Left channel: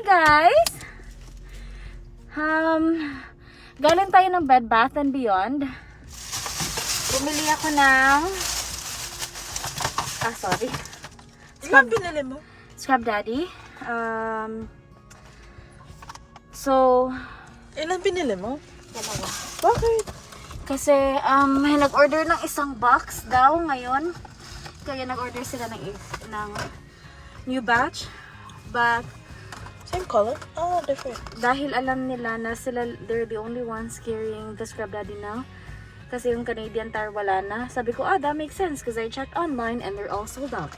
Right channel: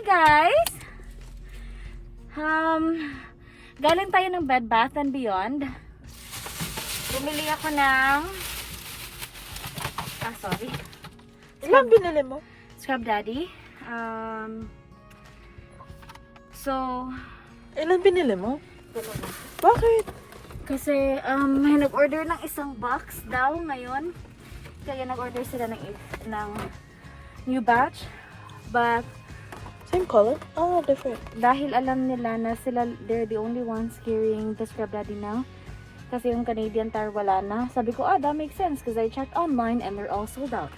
guys! Galing tayo ng Bed Bath and Beyond. Bumili ako ng... sorry. Ano binili mo? Scrub Daddy. So... Ilan binili mo? Dalawa. Bakit? Kasi, may nag-order ng isang box daw ngayon. Kaya nag-order sila ng new batch. But, Same color? Oh, different. dahil alam nila na they're the only ones carrying the Scrub Daddy now. Kasi yung Canadian Tire wala na. Sabi ko, that makes sense because I checked online and they're all sold out.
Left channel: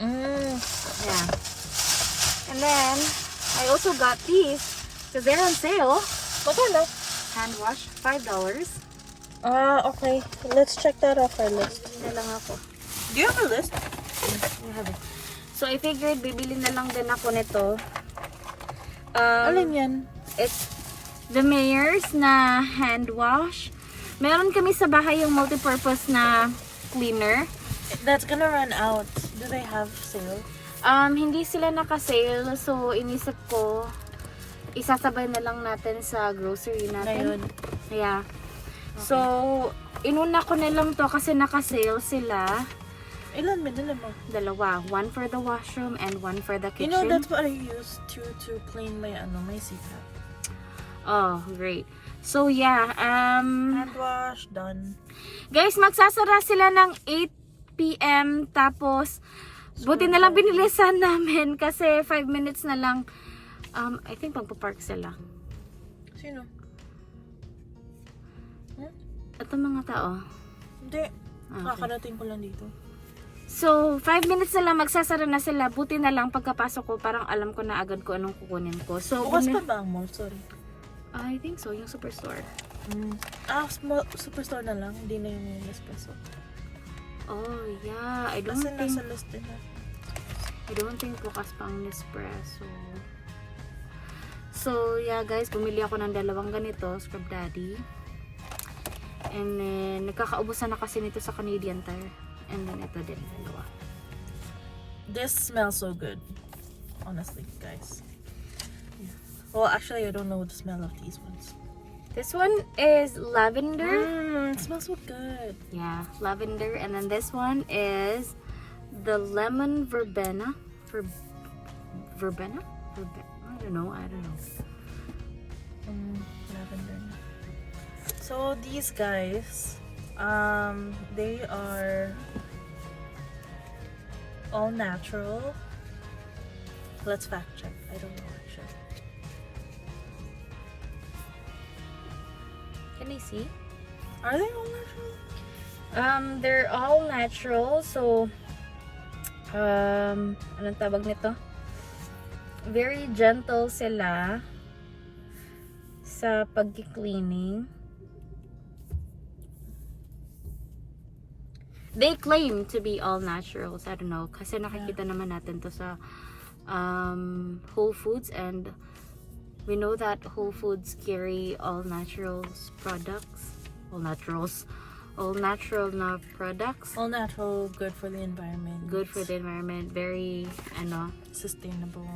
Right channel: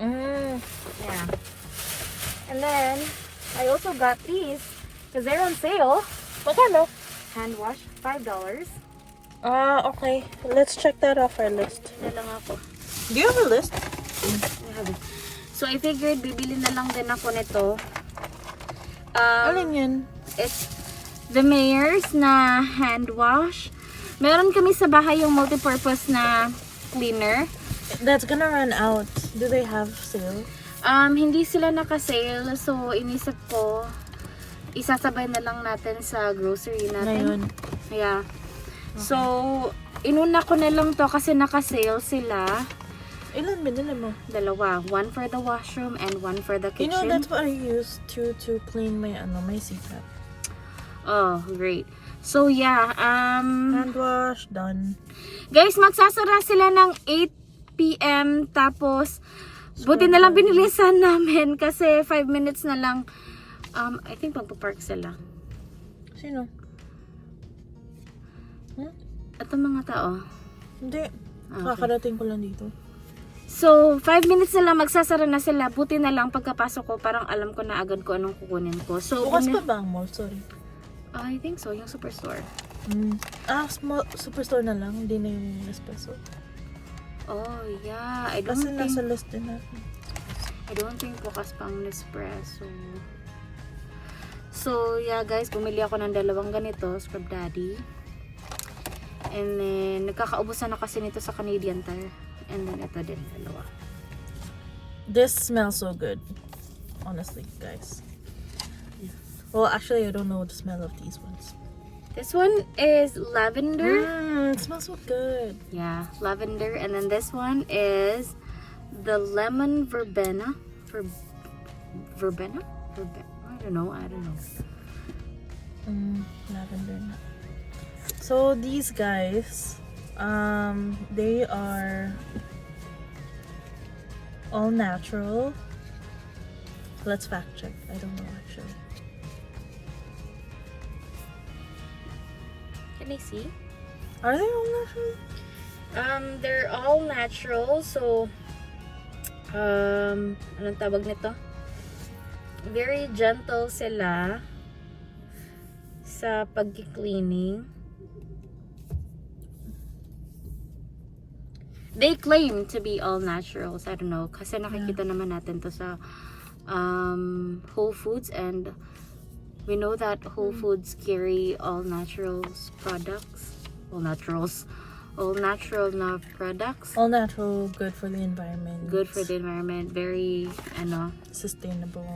Yeah. And then, I also got these because they're on sale. Magkano? Hand wash, $5. Okay. Let's check that off our list. Na lang ako. Do you have a list? I have it. So, I figured bibili na lang din ako nito. Alin yan? It's the Mayor's na hand wash. Meron kami sa bahay yung multi-purpose na cleaner. That's gonna run out. Do they have sale? Hindi sila naka-sale. So, inisip ko, isasabay na lang natin sa grocery natin. Ngayon. Yeah. So, inuna ko na lang to kasi naka-sale sila. Ilan binili mo? Dalawa. One for the washroom and one for the You know, kitchen. that's what I use to clean my CPAP. Oh, great. So, yeah. Hand wash, done. Guys, magsasara sila ng 8 p.m. Tapos, buti na lang binilisan namin kasi 5 minutes na lang. I think magpapark sila. Sino? Ito mga tao. Hindi. Okay. Kakarating ko lang dito. So, 5 minutes na lang magsasara na sila. Buti na lang pagkapasok ko, parang alam ko na agad ko anong kukunin ko. So, Bukas pa ba ang mall? Sorry. I think so, yung Superstore. Superstore na lang. Hindi na yung espresso. Oh, yeah. I Kasi nasa list din natin. I don't think bukas pang Nespresso. So, yeah guys, bumili ako ng dalawang ganito, Scrub Daddy. And then, nagkakaubusan na kasi nito sa Canadian Tire. And then, ito din, dalawa. This smells so good. Honestly, guys. Well, actually, I don't know the smell of these ones. This one is lavender. It smells so good. Yeah, lavender. And then this one is the lemon verbena. Verbena? I don't know. Lavender. So these guys, they are all natural. Let's fact check. I don't know actually. Can I see? Are they all natural? They're all natural. So, anong tawag nito? Very gentle sila sa pag-cleaning. They claim to be all naturals. I don't know. Kasi nakikita naman natin to sa Whole Foods, and we know that Whole Foods carry all naturals products. All natural na products. All natural, good for the environment. Good for the environment. Very, Sustainable.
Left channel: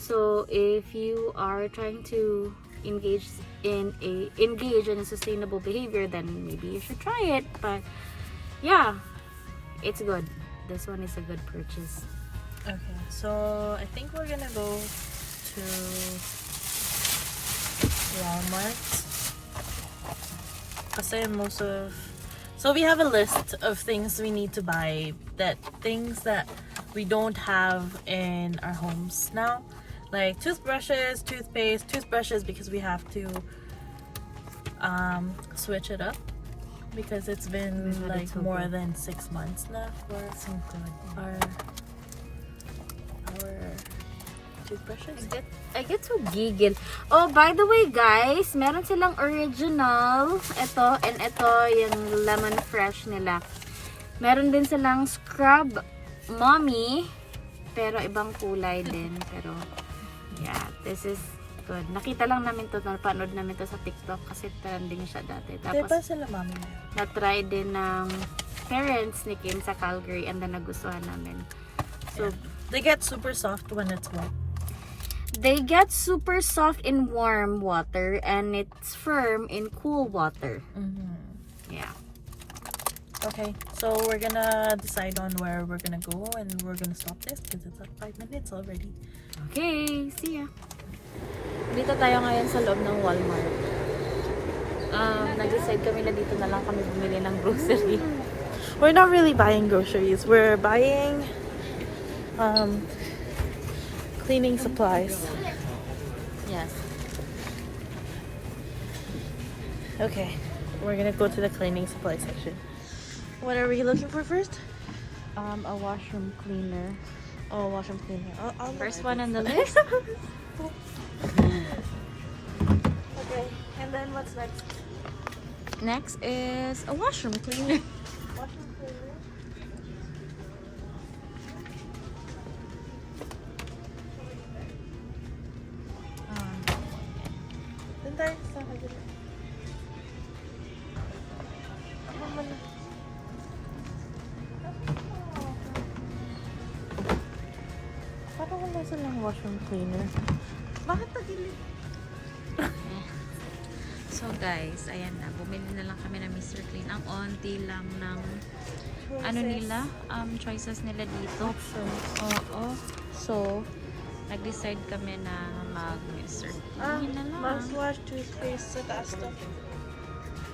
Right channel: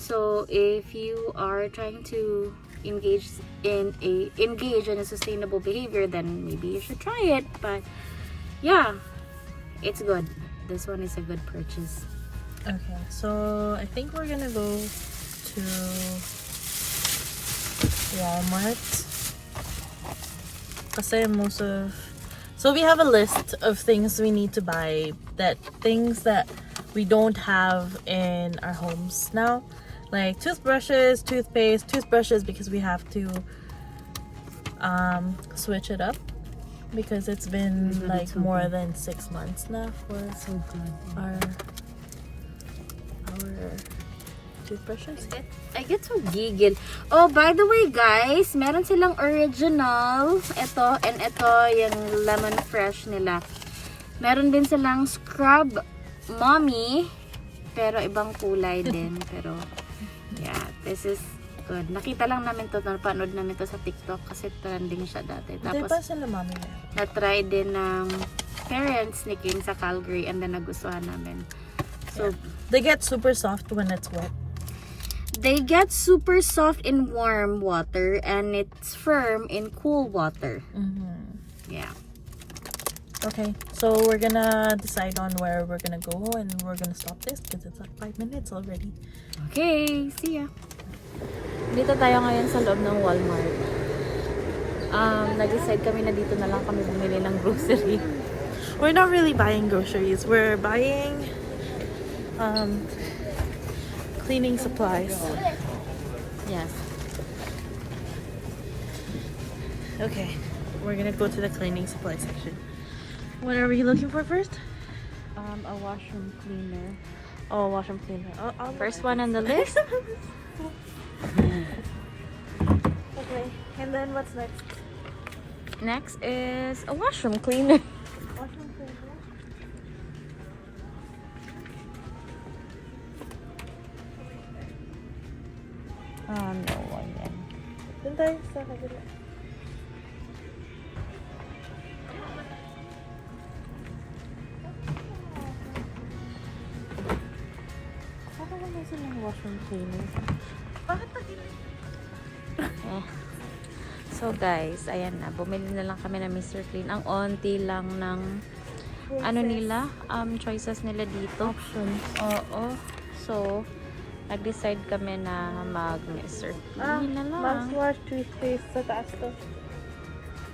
So, if you are trying to engage in a sustainable behavior, then maybe you should try it. But yeah, it's good. This one is a good purchase. Okay, so I think we're gonna go to Walmart. Kasi so we have a list of things we need to buy, things that we don't have in our homes now. Like toothbrushes, toothbrushes because we have to switch it up because it's been like more than 6 months now for our toothbrushes. I get so gigil. Oh, by the way guys, meron silang original. Ito and ito yung lemon fresh nila. Meron din silang scrub mommy, pero ibang kulay din. Pero yeah, this is good. Nakita lang namin to, napanood namin to sa TikTok kasi trending siya dati. Tapos Diba sila mami? na-try din ng parents ni Kim sa Calgary and then nagustuhan namin. So They get super soft when it's wet. they get super soft in warm water and it's firm in cool water. Yeah. Okay, so we're gonna decide on where we're gonna go and we're gonna stop this because it's at 5 minutes already. Okay, see ya. Dito tayo ngayon sa loob ng Walmart. Nag-decide kami na dito na lang kami bumili ng grocery. We're not really buying groceries. We're buying cleaning supplies. Yes. Okay, we're gonna go to the cleaning supply section. What are we looking for first? A washroom cleaner. Oh, washroom cleaner. I'll First one on the list. Okay, and then what's next? Next is a washroom cleaner. Washroom cleaner. No one yan. Dun tayo sa kabila. Parang wala silang washroom cleaner. Bakit nagilid? So guys, ayan na. Bumili na lang kami ng Mr. Clean. Ang onti lang ng ano nila, choices nila dito. Options. Oo. So, nag-decide kami na mag Mr. Clean na lang. Mouthwash, toothpaste sa taas to.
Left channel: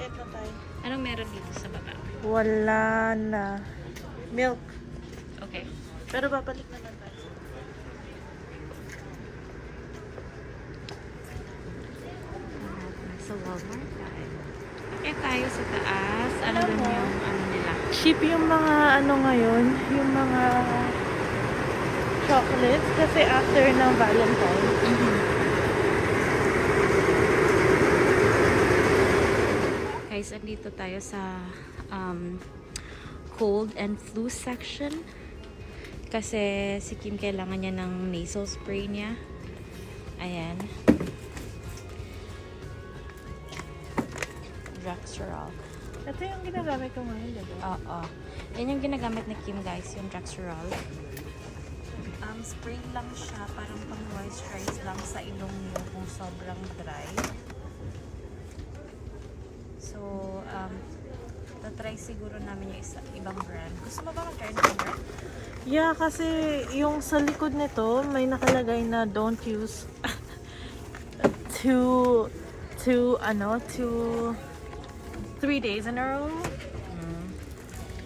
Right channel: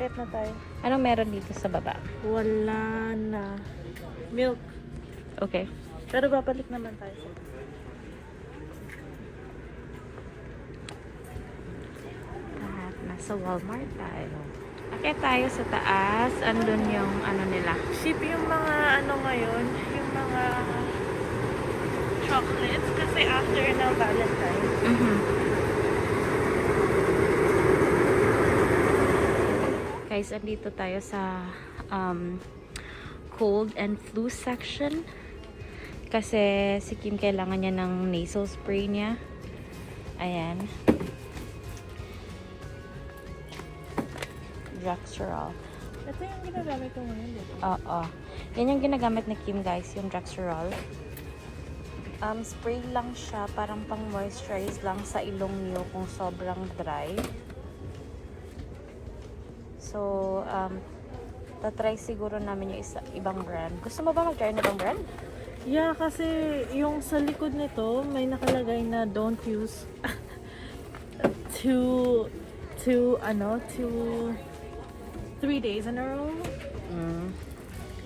Kahit na tayo. Anong meron dito sa baba? Wala na. Milk. Okay. Pero babalik naman tayo. At nasa Walmart tayo. Okay tayo sa taas. Andun yung ano nila. Cheap yung mga ano ngayon, yung mga chocolates kasi after ng Valentine. Guys, andito tayo sa cold and flu section. Kasi si Kim kailangan niya ng nasal spray niya. Ayan. Drexerol. Ito yung ginagamit ko ngayon, diba? Oo. Yan yung ginagamit ni Kim, guys, yung Drexerol. Spray lang siya, parang pang moisturize lang sa ilong niyo kung sobrang dry. So, tatry siguro namin yung ibang brand. Gusto mo ba mag-try ng ibang brand? Yeah, kasi yung sa likod nito, may nakalagay na don't use to 3 days in a row.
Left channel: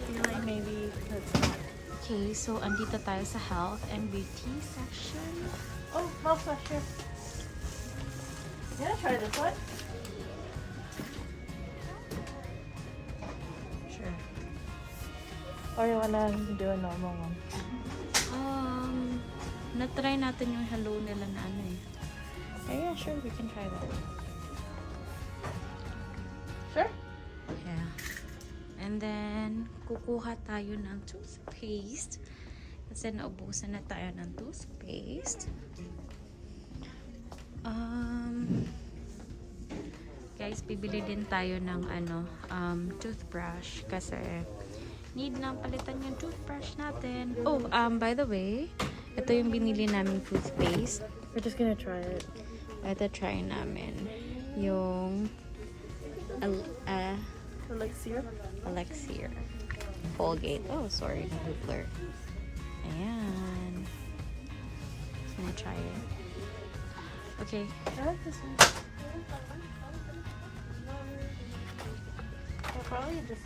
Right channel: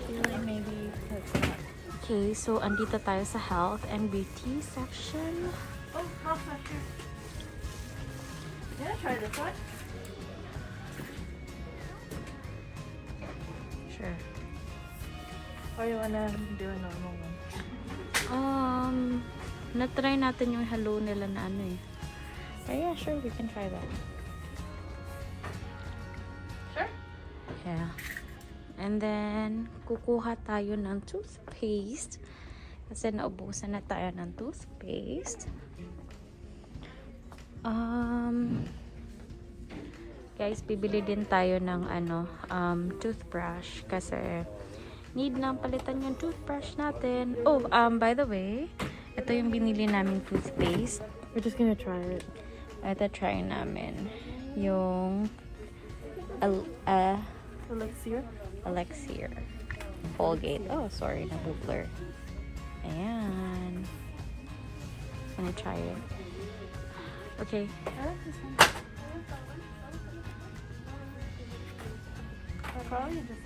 Feel like maybe that's not. Okay, so andito tayo sa health and beauty section. Oh, health sector. Yeah, try this one. Sure. Or you wanna do a normal one? Na-try natin yung hello nila na ano eh. Oh, yeah, sure, we can try that. Sure. Yeah. And then, kukuha tayo ng toothpaste. Kasi naubusan na tayo ng toothpaste. Guys, bibili din tayo ng toothbrush. Kasi, need na palitan yung toothbrush natin. Oh, by the way, ito yung binili namin toothpaste. We're just gonna try it. Ito try namin. Yung Elixir. Colgate. Oh, sorry. Nag-blur. Ayan. Just gonna try it. Okay. I like this one. I'll probably just...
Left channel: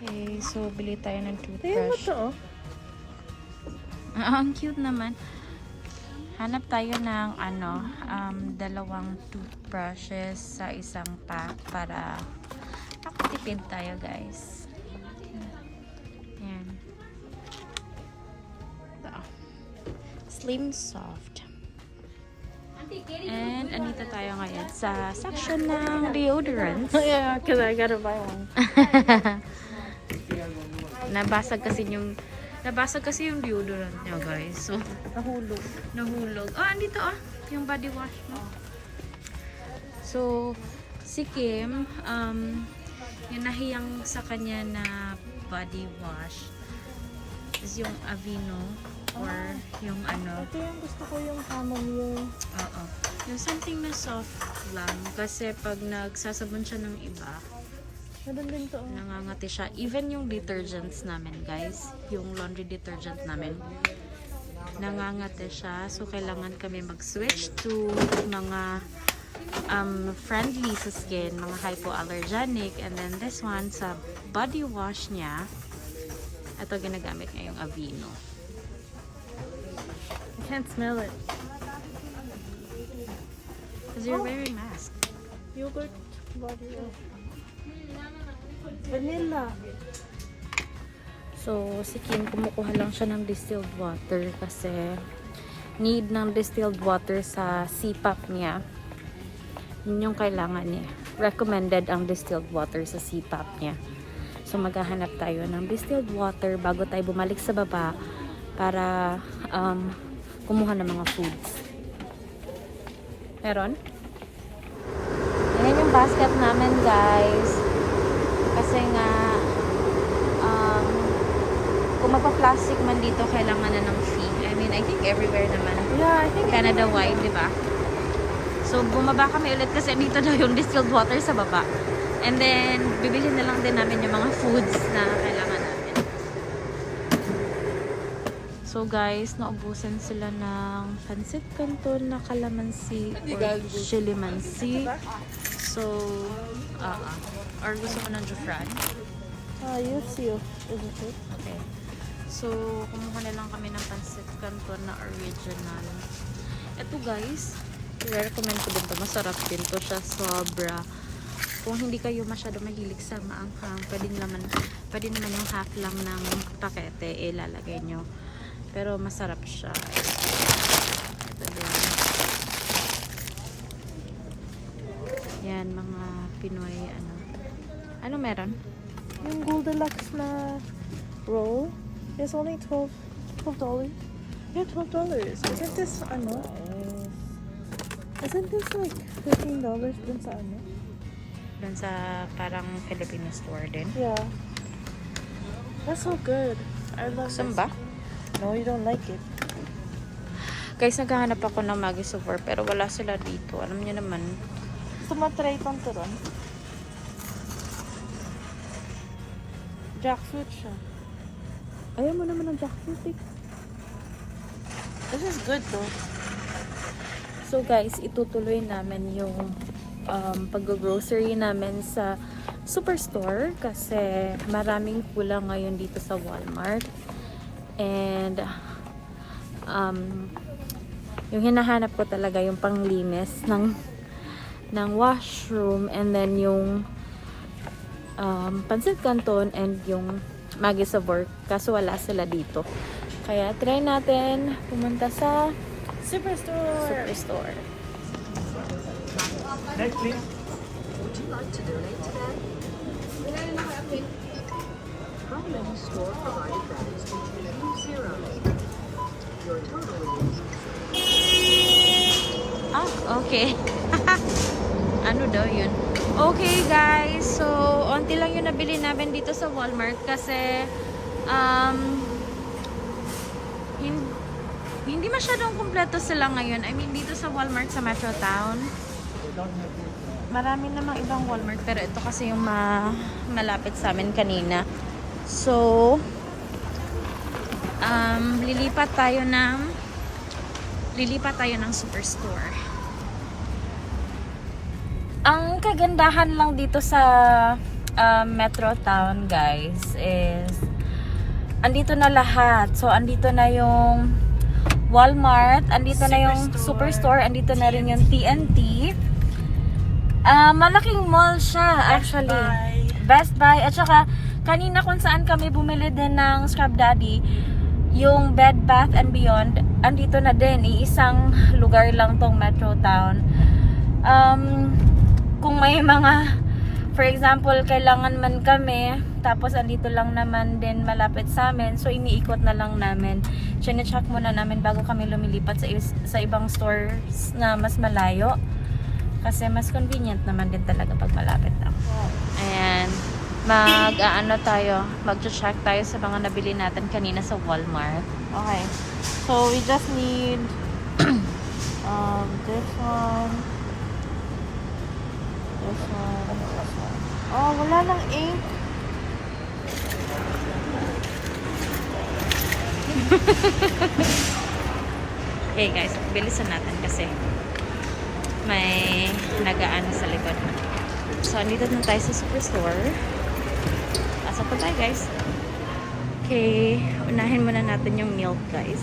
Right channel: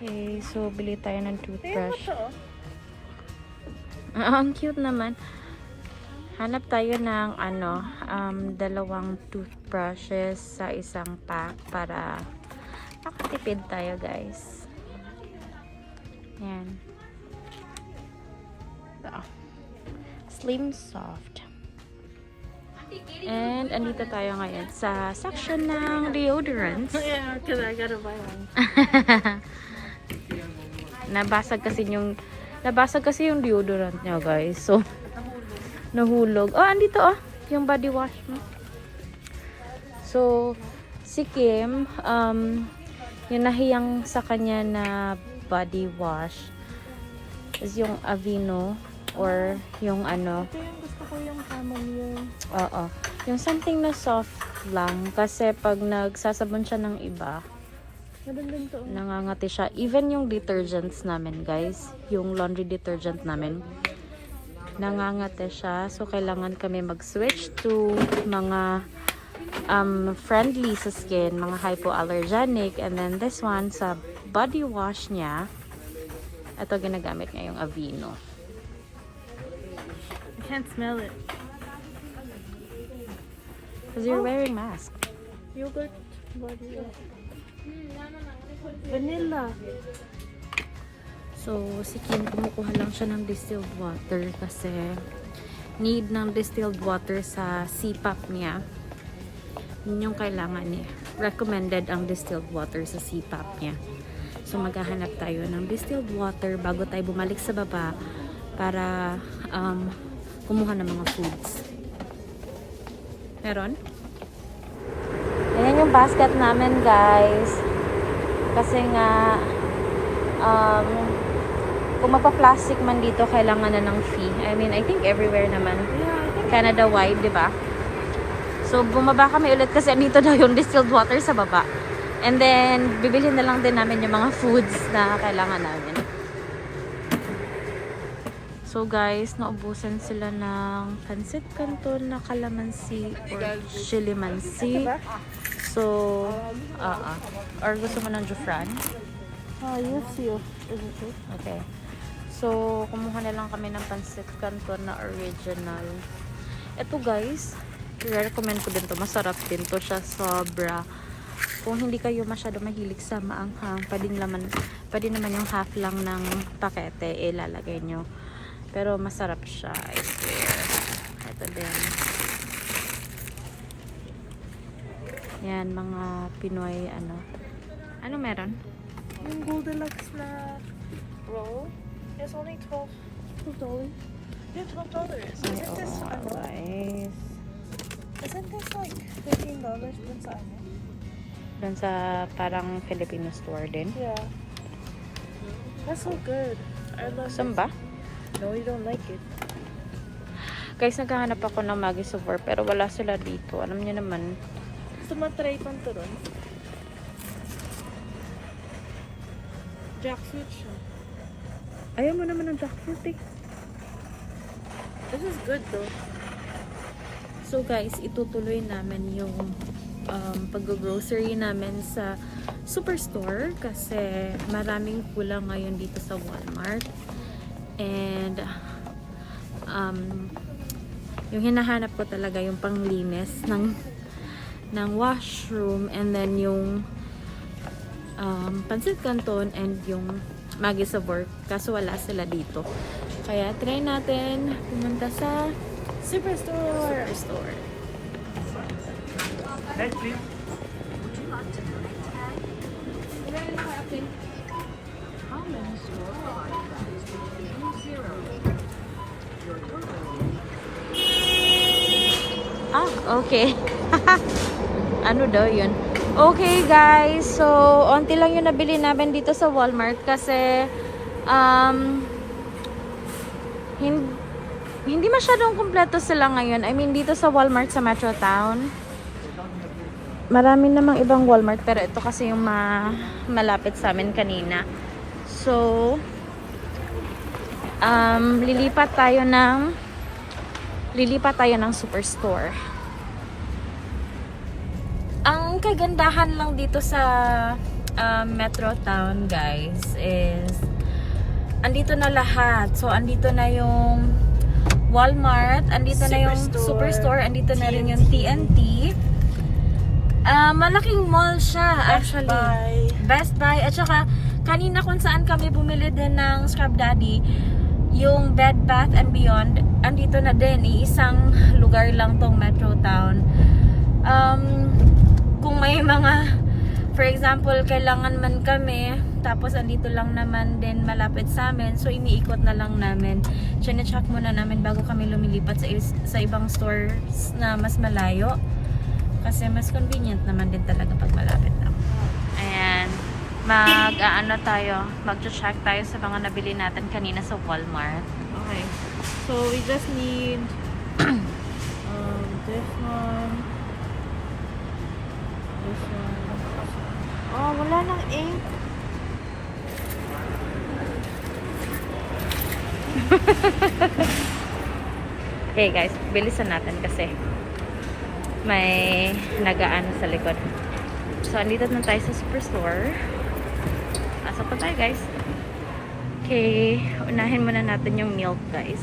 Okay, so bili tayo ng toothbrush. Ito. Ang cute naman. Hanap tayo ng dalawang toothbrushes sa isang pack para nakatipid tayo, guys. Yan. So, slim soft. And andito tayo ngayon sa section ng deodorants. Yeah, because I gotta buy one. Nabasag kasi yung deodorant niya, guys. So, nahulog. Oh, andito yung body wash mo. So, si Kim, yung nahiyang sa kanya na body wash is yung Aveeno or yung ano. Ito yung gusto ko, yung chamomile. Oo. Yung something na soft lang. Kasi pag nagsasabon siya ng iba, Meron din to. nangangati siya. Even yung detergents namin, guys. Yung laundry detergent namin. Nangangati siya. So, kailangan kami mag-switch to mga friendly sa skin. Mga hypoallergenic. And then this one, sa body wash niya, ito ginagamit niya yung Aveeno. I can't smell it. Because you're wearing mask. Yogurt body wash. Vanilla. So, si Kim, kumukuha lang siya ng distilled water kasi need ng distilled water sa CPAP niya. Yun yung kailangan niya. Recommended ang distilled water sa CPAP niya. So, maghahanap tayo ng distilled water bago tayo bumalik sa baba para kumuha ng mga foods. Meron? Ayan yung basket namin, guys. Kasi nga, kung magpa-plastic man dito, kailangan na ng fee. I mean, I think everywhere naman. Yeah, I think Canada-wide, di ba? So, bumaba kami ulit kasi dito daw yung distilled water sa baba. And then, bibilhin na lang din namin yung mga foods na kailangan namin. So, guys, naubusan sila ng pancit canton na calamansi or chilimansi. So, or gusto mo ng jufran? you see, isn't it? Okay. So, kumuha na lang kami ng pancit canton na original. Ito, guys, i-recommend ko din to. Masarap din to siya, sobra. Kung hindi kayo masyado mahilig sa maanghang, pwede naman yung half lang ng pakete ilalagay nyo. Pero masarap siya, I swear. Ito din. Yan, mga Pinoy, ano. Ano meron? Yung Goldilocks na roll is only $12. Yeah, $12. Isn't this, Guys. isn't this like $15 dun sa ano? Doon sa parang Filipino store din. Yeah. It's so good. I love Saan ba? No, you don't like it. Guys, naghahanap ako ng Maggi Super pero wala sila dito. Alam niyo naman. Gusto matry pang turon. Jackfruit siya. Ayaw mo naman ng jackfruit eh. This is good though. So guys, itutuloy namin yung pag-grocery namin sa Superstore kasi maraming kulang ngayon dito sa Walmart. And yung hinahanap ko talaga yung panglinis ng washroom and then yung pancit canton and yung Maggi Sabor kaso wala sila dito. Kaya try natin pumunta sa Superstore. Next, please. Would you like to donate today? How many store provided vendors did you use? 0. Your total is Okay. Ano daw yun? Okay, guys. So, onti lang yung nabili namin dito sa Walmart kasi hindi masyadong kumpleto sila ngayon. I mean, dito sa Walmart sa Metro Town. Marami namang ibang Walmart pero ito kasi yung malapit sa amin kanina. So, lilipat tayo ng Superstore. Ang kagandahan lang dito sa Metro Town, guys, is andito na lahat. So, andito na yung Walmart, andito na yung Superstore, andito na rin yung TNT. Malaking mall siya, actually. Best Buy. At saka, kanina kung saan kami bumili din ng Scrub Daddy, yung Bed Bath and Beyond, andito na din. Iisang lugar lang tong Metro Town. Kung may mga, for example, kailangan man kami, tapos andito lang naman din malapit sa amin, so iniikot na lang namin. Chine-check muna namin bago kami lumilipat sa ibang stores na mas malayo. Kasi mas convenient naman din talaga pag malapit lang. Ayan. Mag-ano tayo, mag-check tayo sa mga nabili natin kanina sa Walmart. Okay. So we just need this one. This one. Oh, wala nang ink. Okay guys, bilisan natin kasi may nagaano sa likod. So, andito na tayo sa Superstore. Pasok pa tayo guys. Okay, unahin muna natin yung milk guys.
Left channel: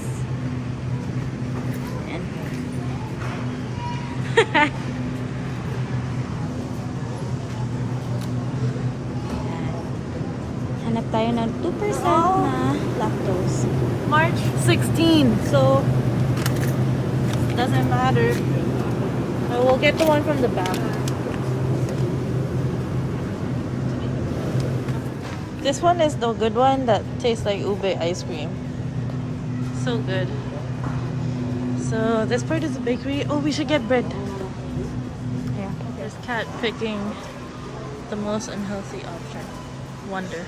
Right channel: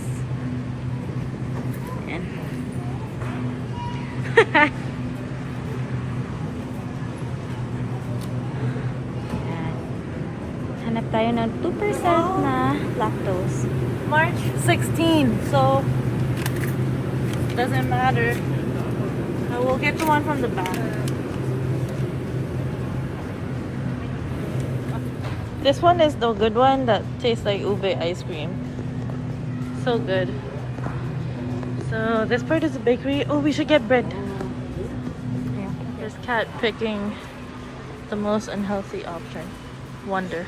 Ayan. Ayan. Hanap tayo ng 2% na lactose. March 16. So doesn't matter. We'll get the one from the back. This one is the good one that tastes like ube ice cream. So good. So this part is the bakery. Oh, we should get bread. Yeah. There's cat picking the most unhealthy option. Wonder.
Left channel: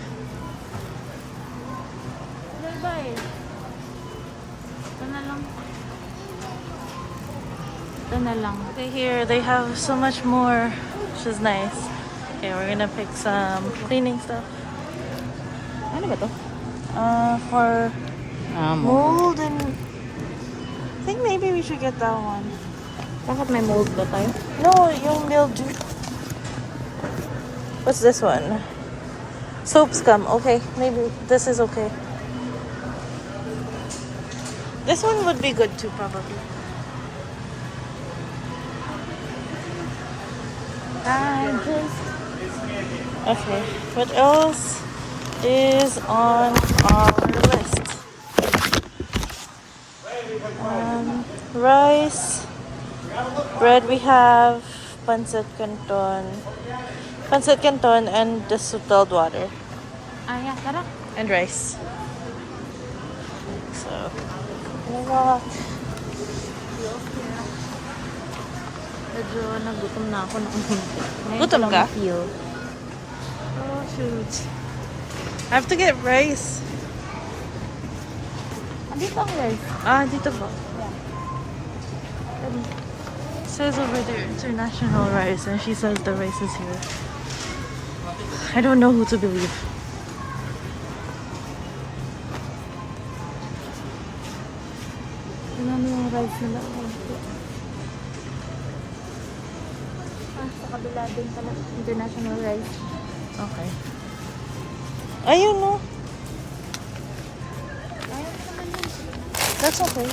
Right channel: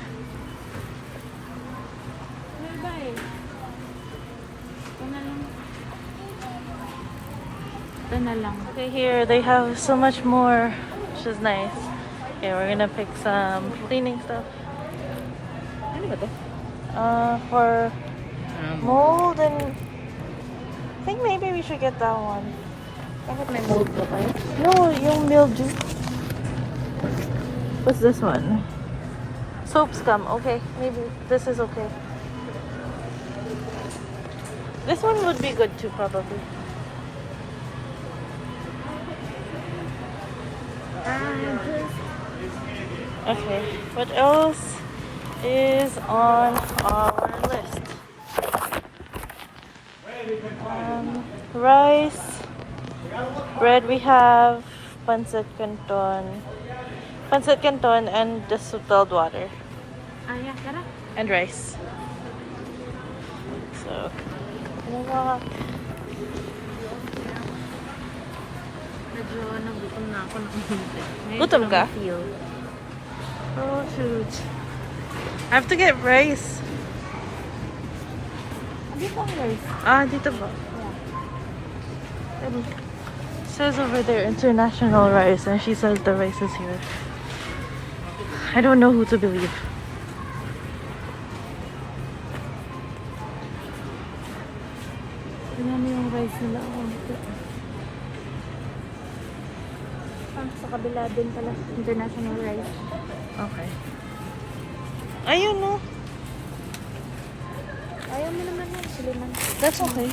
Ito na lang. Okay, here they have so much more, which is nice. Okay, we're gonna pick some cleaning stuff. Ano ba to? For mold and I think maybe we should get that one. Bakit may mold ba tayo? No, yung mildew. What's this one? Soap scum. Okay, maybe this is okay. This one would be good too, probably. Okay, what else is on our list? Rice, bread we have, pancit canton, and distilled water, Yeah, tara. and rice. So, gonna walk. Medyo nagutom na ako ng hindi. Gutom ka? Oh shoot. I have to get rice. Dito ang rice. Dito ba? Yeah. It says over there international rice and she says the rice is here. I don't know who to believe. Tingnan mo yung rice nila. Sa kabila din pala. International rice. Okay. Ayun no. That's okay.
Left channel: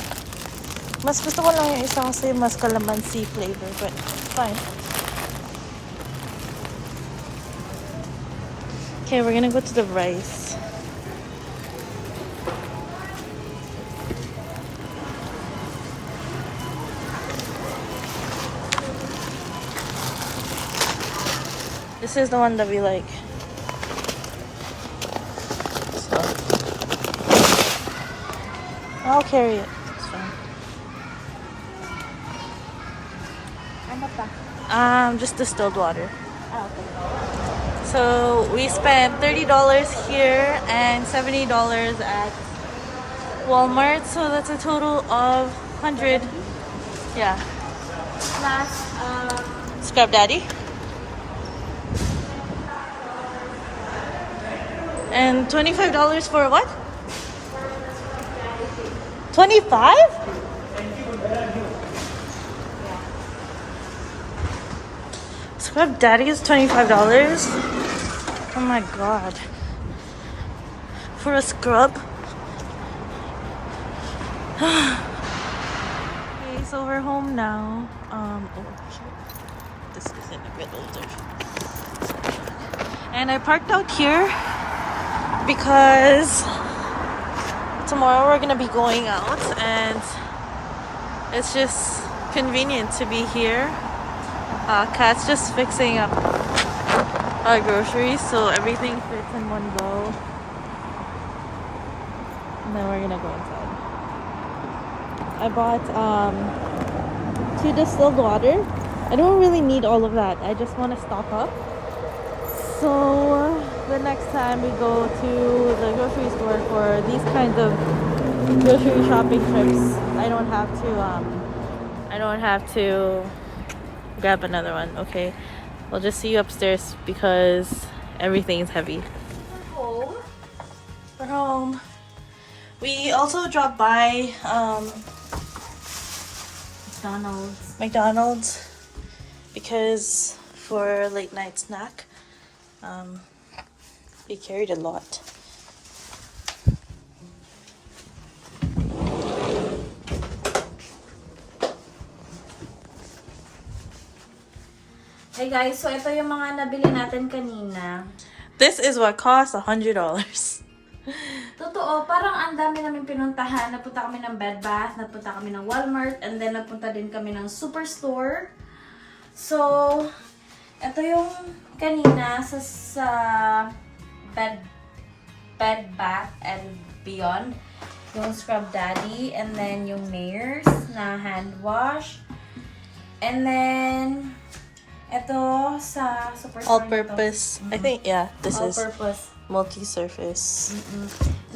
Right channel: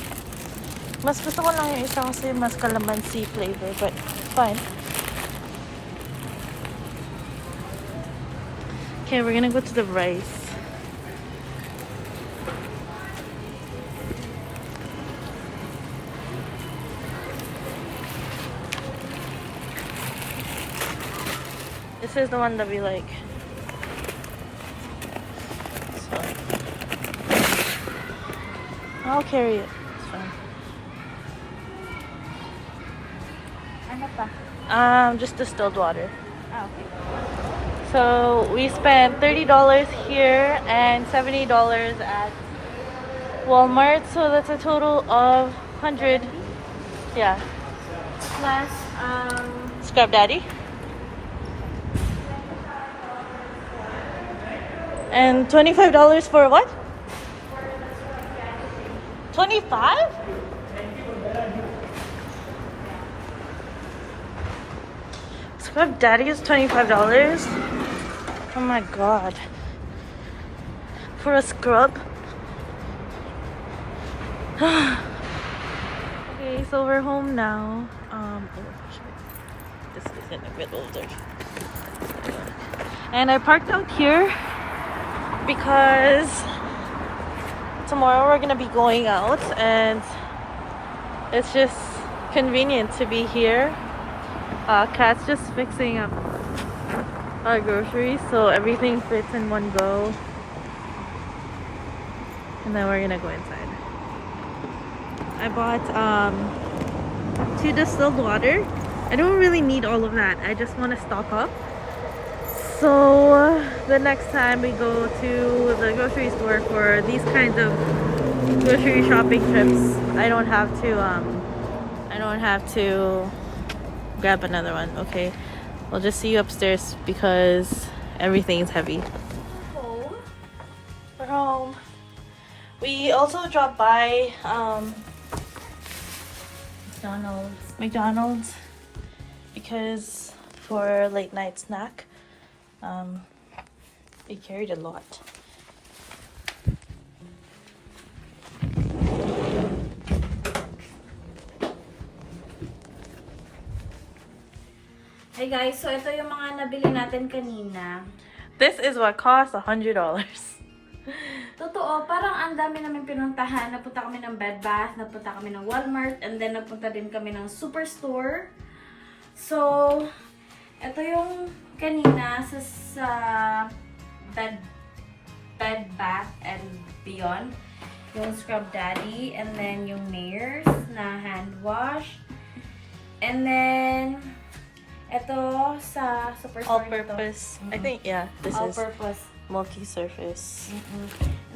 Mas gusto ko lang yung isa kasi mas calamansi flavor, but fine. Okay, we're gonna go to the rice. This is the one that we like. So I'll carry it. It's fine. Ano pa? Just distilled water. Okay. So we spent $30 here and $70 at Walmart. So that's a total of 100. Yeah. Plus, Scrub Daddy. And $25 for what? 25? Scrub Daddy is $25? Oh my god. For a scrub? Okay, so we're home now. Sorry. This is in the middle of and I parked out here because tomorrow we're gonna be going out and it's just convenient to be here. Kat's just fixing up our groceries so everything fits in one go, and then we're gonna go inside. I bought 2 distilled water. I don't really need all of that. I just want to stock up. So the next time we go to the grocery store for these kinds of grocery shopping trips, I don't have to grab another one. Okay, I'll just see you upstairs because everything is heavy. We're home. We also dropped by McDonald's because for a late night snack. We carried a lot. Hey guys, so ito yung mga nabili natin kanina. This is what cost $100. Totoo, parang ang dami namin pinuntahan. Napunta kami ng Bed Bath, napunta kami ng Walmart, and then napunta din kami ng Superstore. So, ito yung kanina sa Bed Bath and Beyond. Yung Scrub Daddy, and then yung Nairs na hand wash. And then, ito sa Superstore. All-purpose. I think, yeah, this is all-purpose. multi-surface. And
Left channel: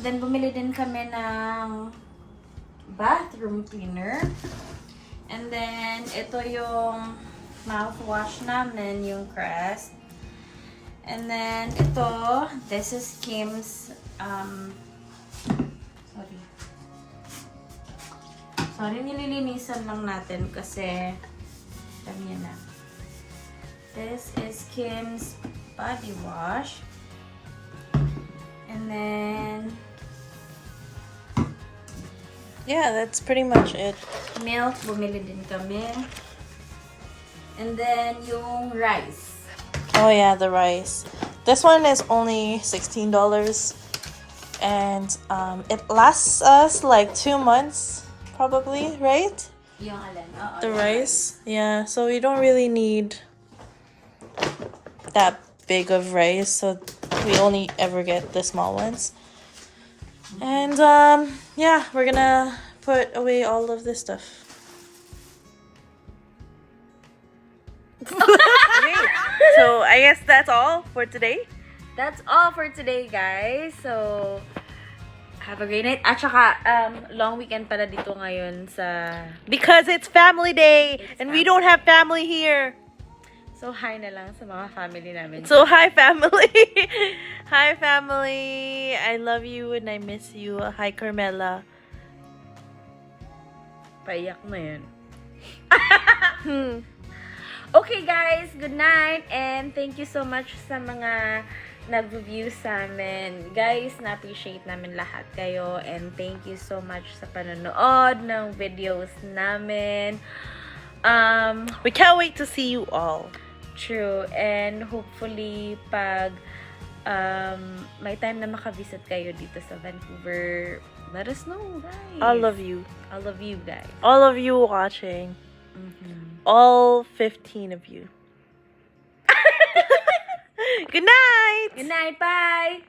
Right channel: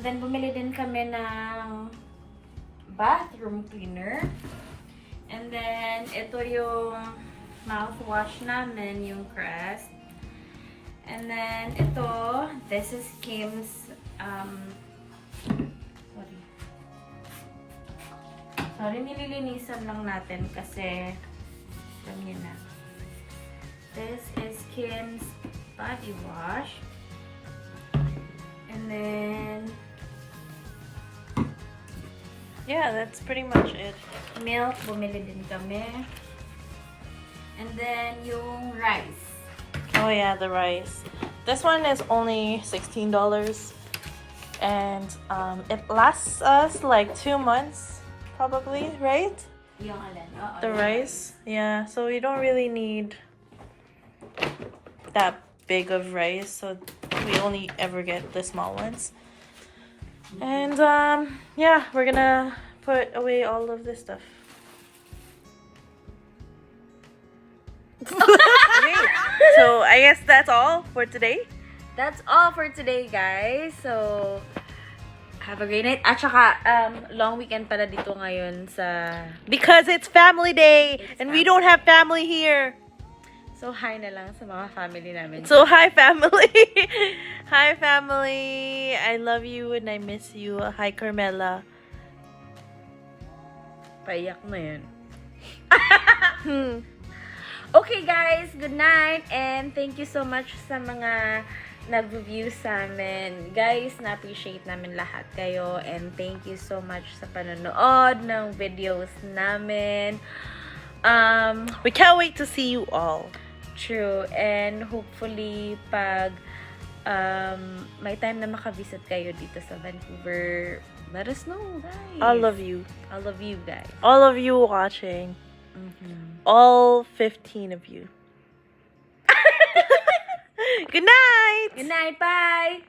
then, bumili din kami ng bathroom cleaner. And then, ito yung mouthwash namin, yung Crest. And then, ito, this is Kim's, sorry, nililinisan lang natin kasi, alam niya na. This is Kim's body wash. And then, Yeah, that's pretty much it. milk, bumili din kami. And then, yung rice. Oh yeah, the rice. This one is only $16. And it lasts us like 2 months, probably, right? Yung alin? Oo, The yung rice. Yeah, so we don't really need that big of rice, so we only ever get the small ones. And yeah, we're gonna put away all of this stuff. Okay, so I guess that's all for today. That's all for today, guys. So, have a great night. At saka, long weekend pala dito ngayon sa... Because it's family day, and we don't have family here. So, hi na lang sa mga family namin. So hi family. Hi family. I love you and I miss you. Hi Carmela. Paiyak na yan. Okay, guys. Good night. And thank you so much sa mga nag-review sa amin. Guys, na-appreciate namin lahat kayo. And thank you so much sa panonood ng videos namin. We can't wait to see you all. True. And hopefully, pag may time na makavisit kayo dito sa Vancouver, let us know, guys. All of you. All of you, guys. All of you watching. All 15 of you. Good night. Good night. Bye.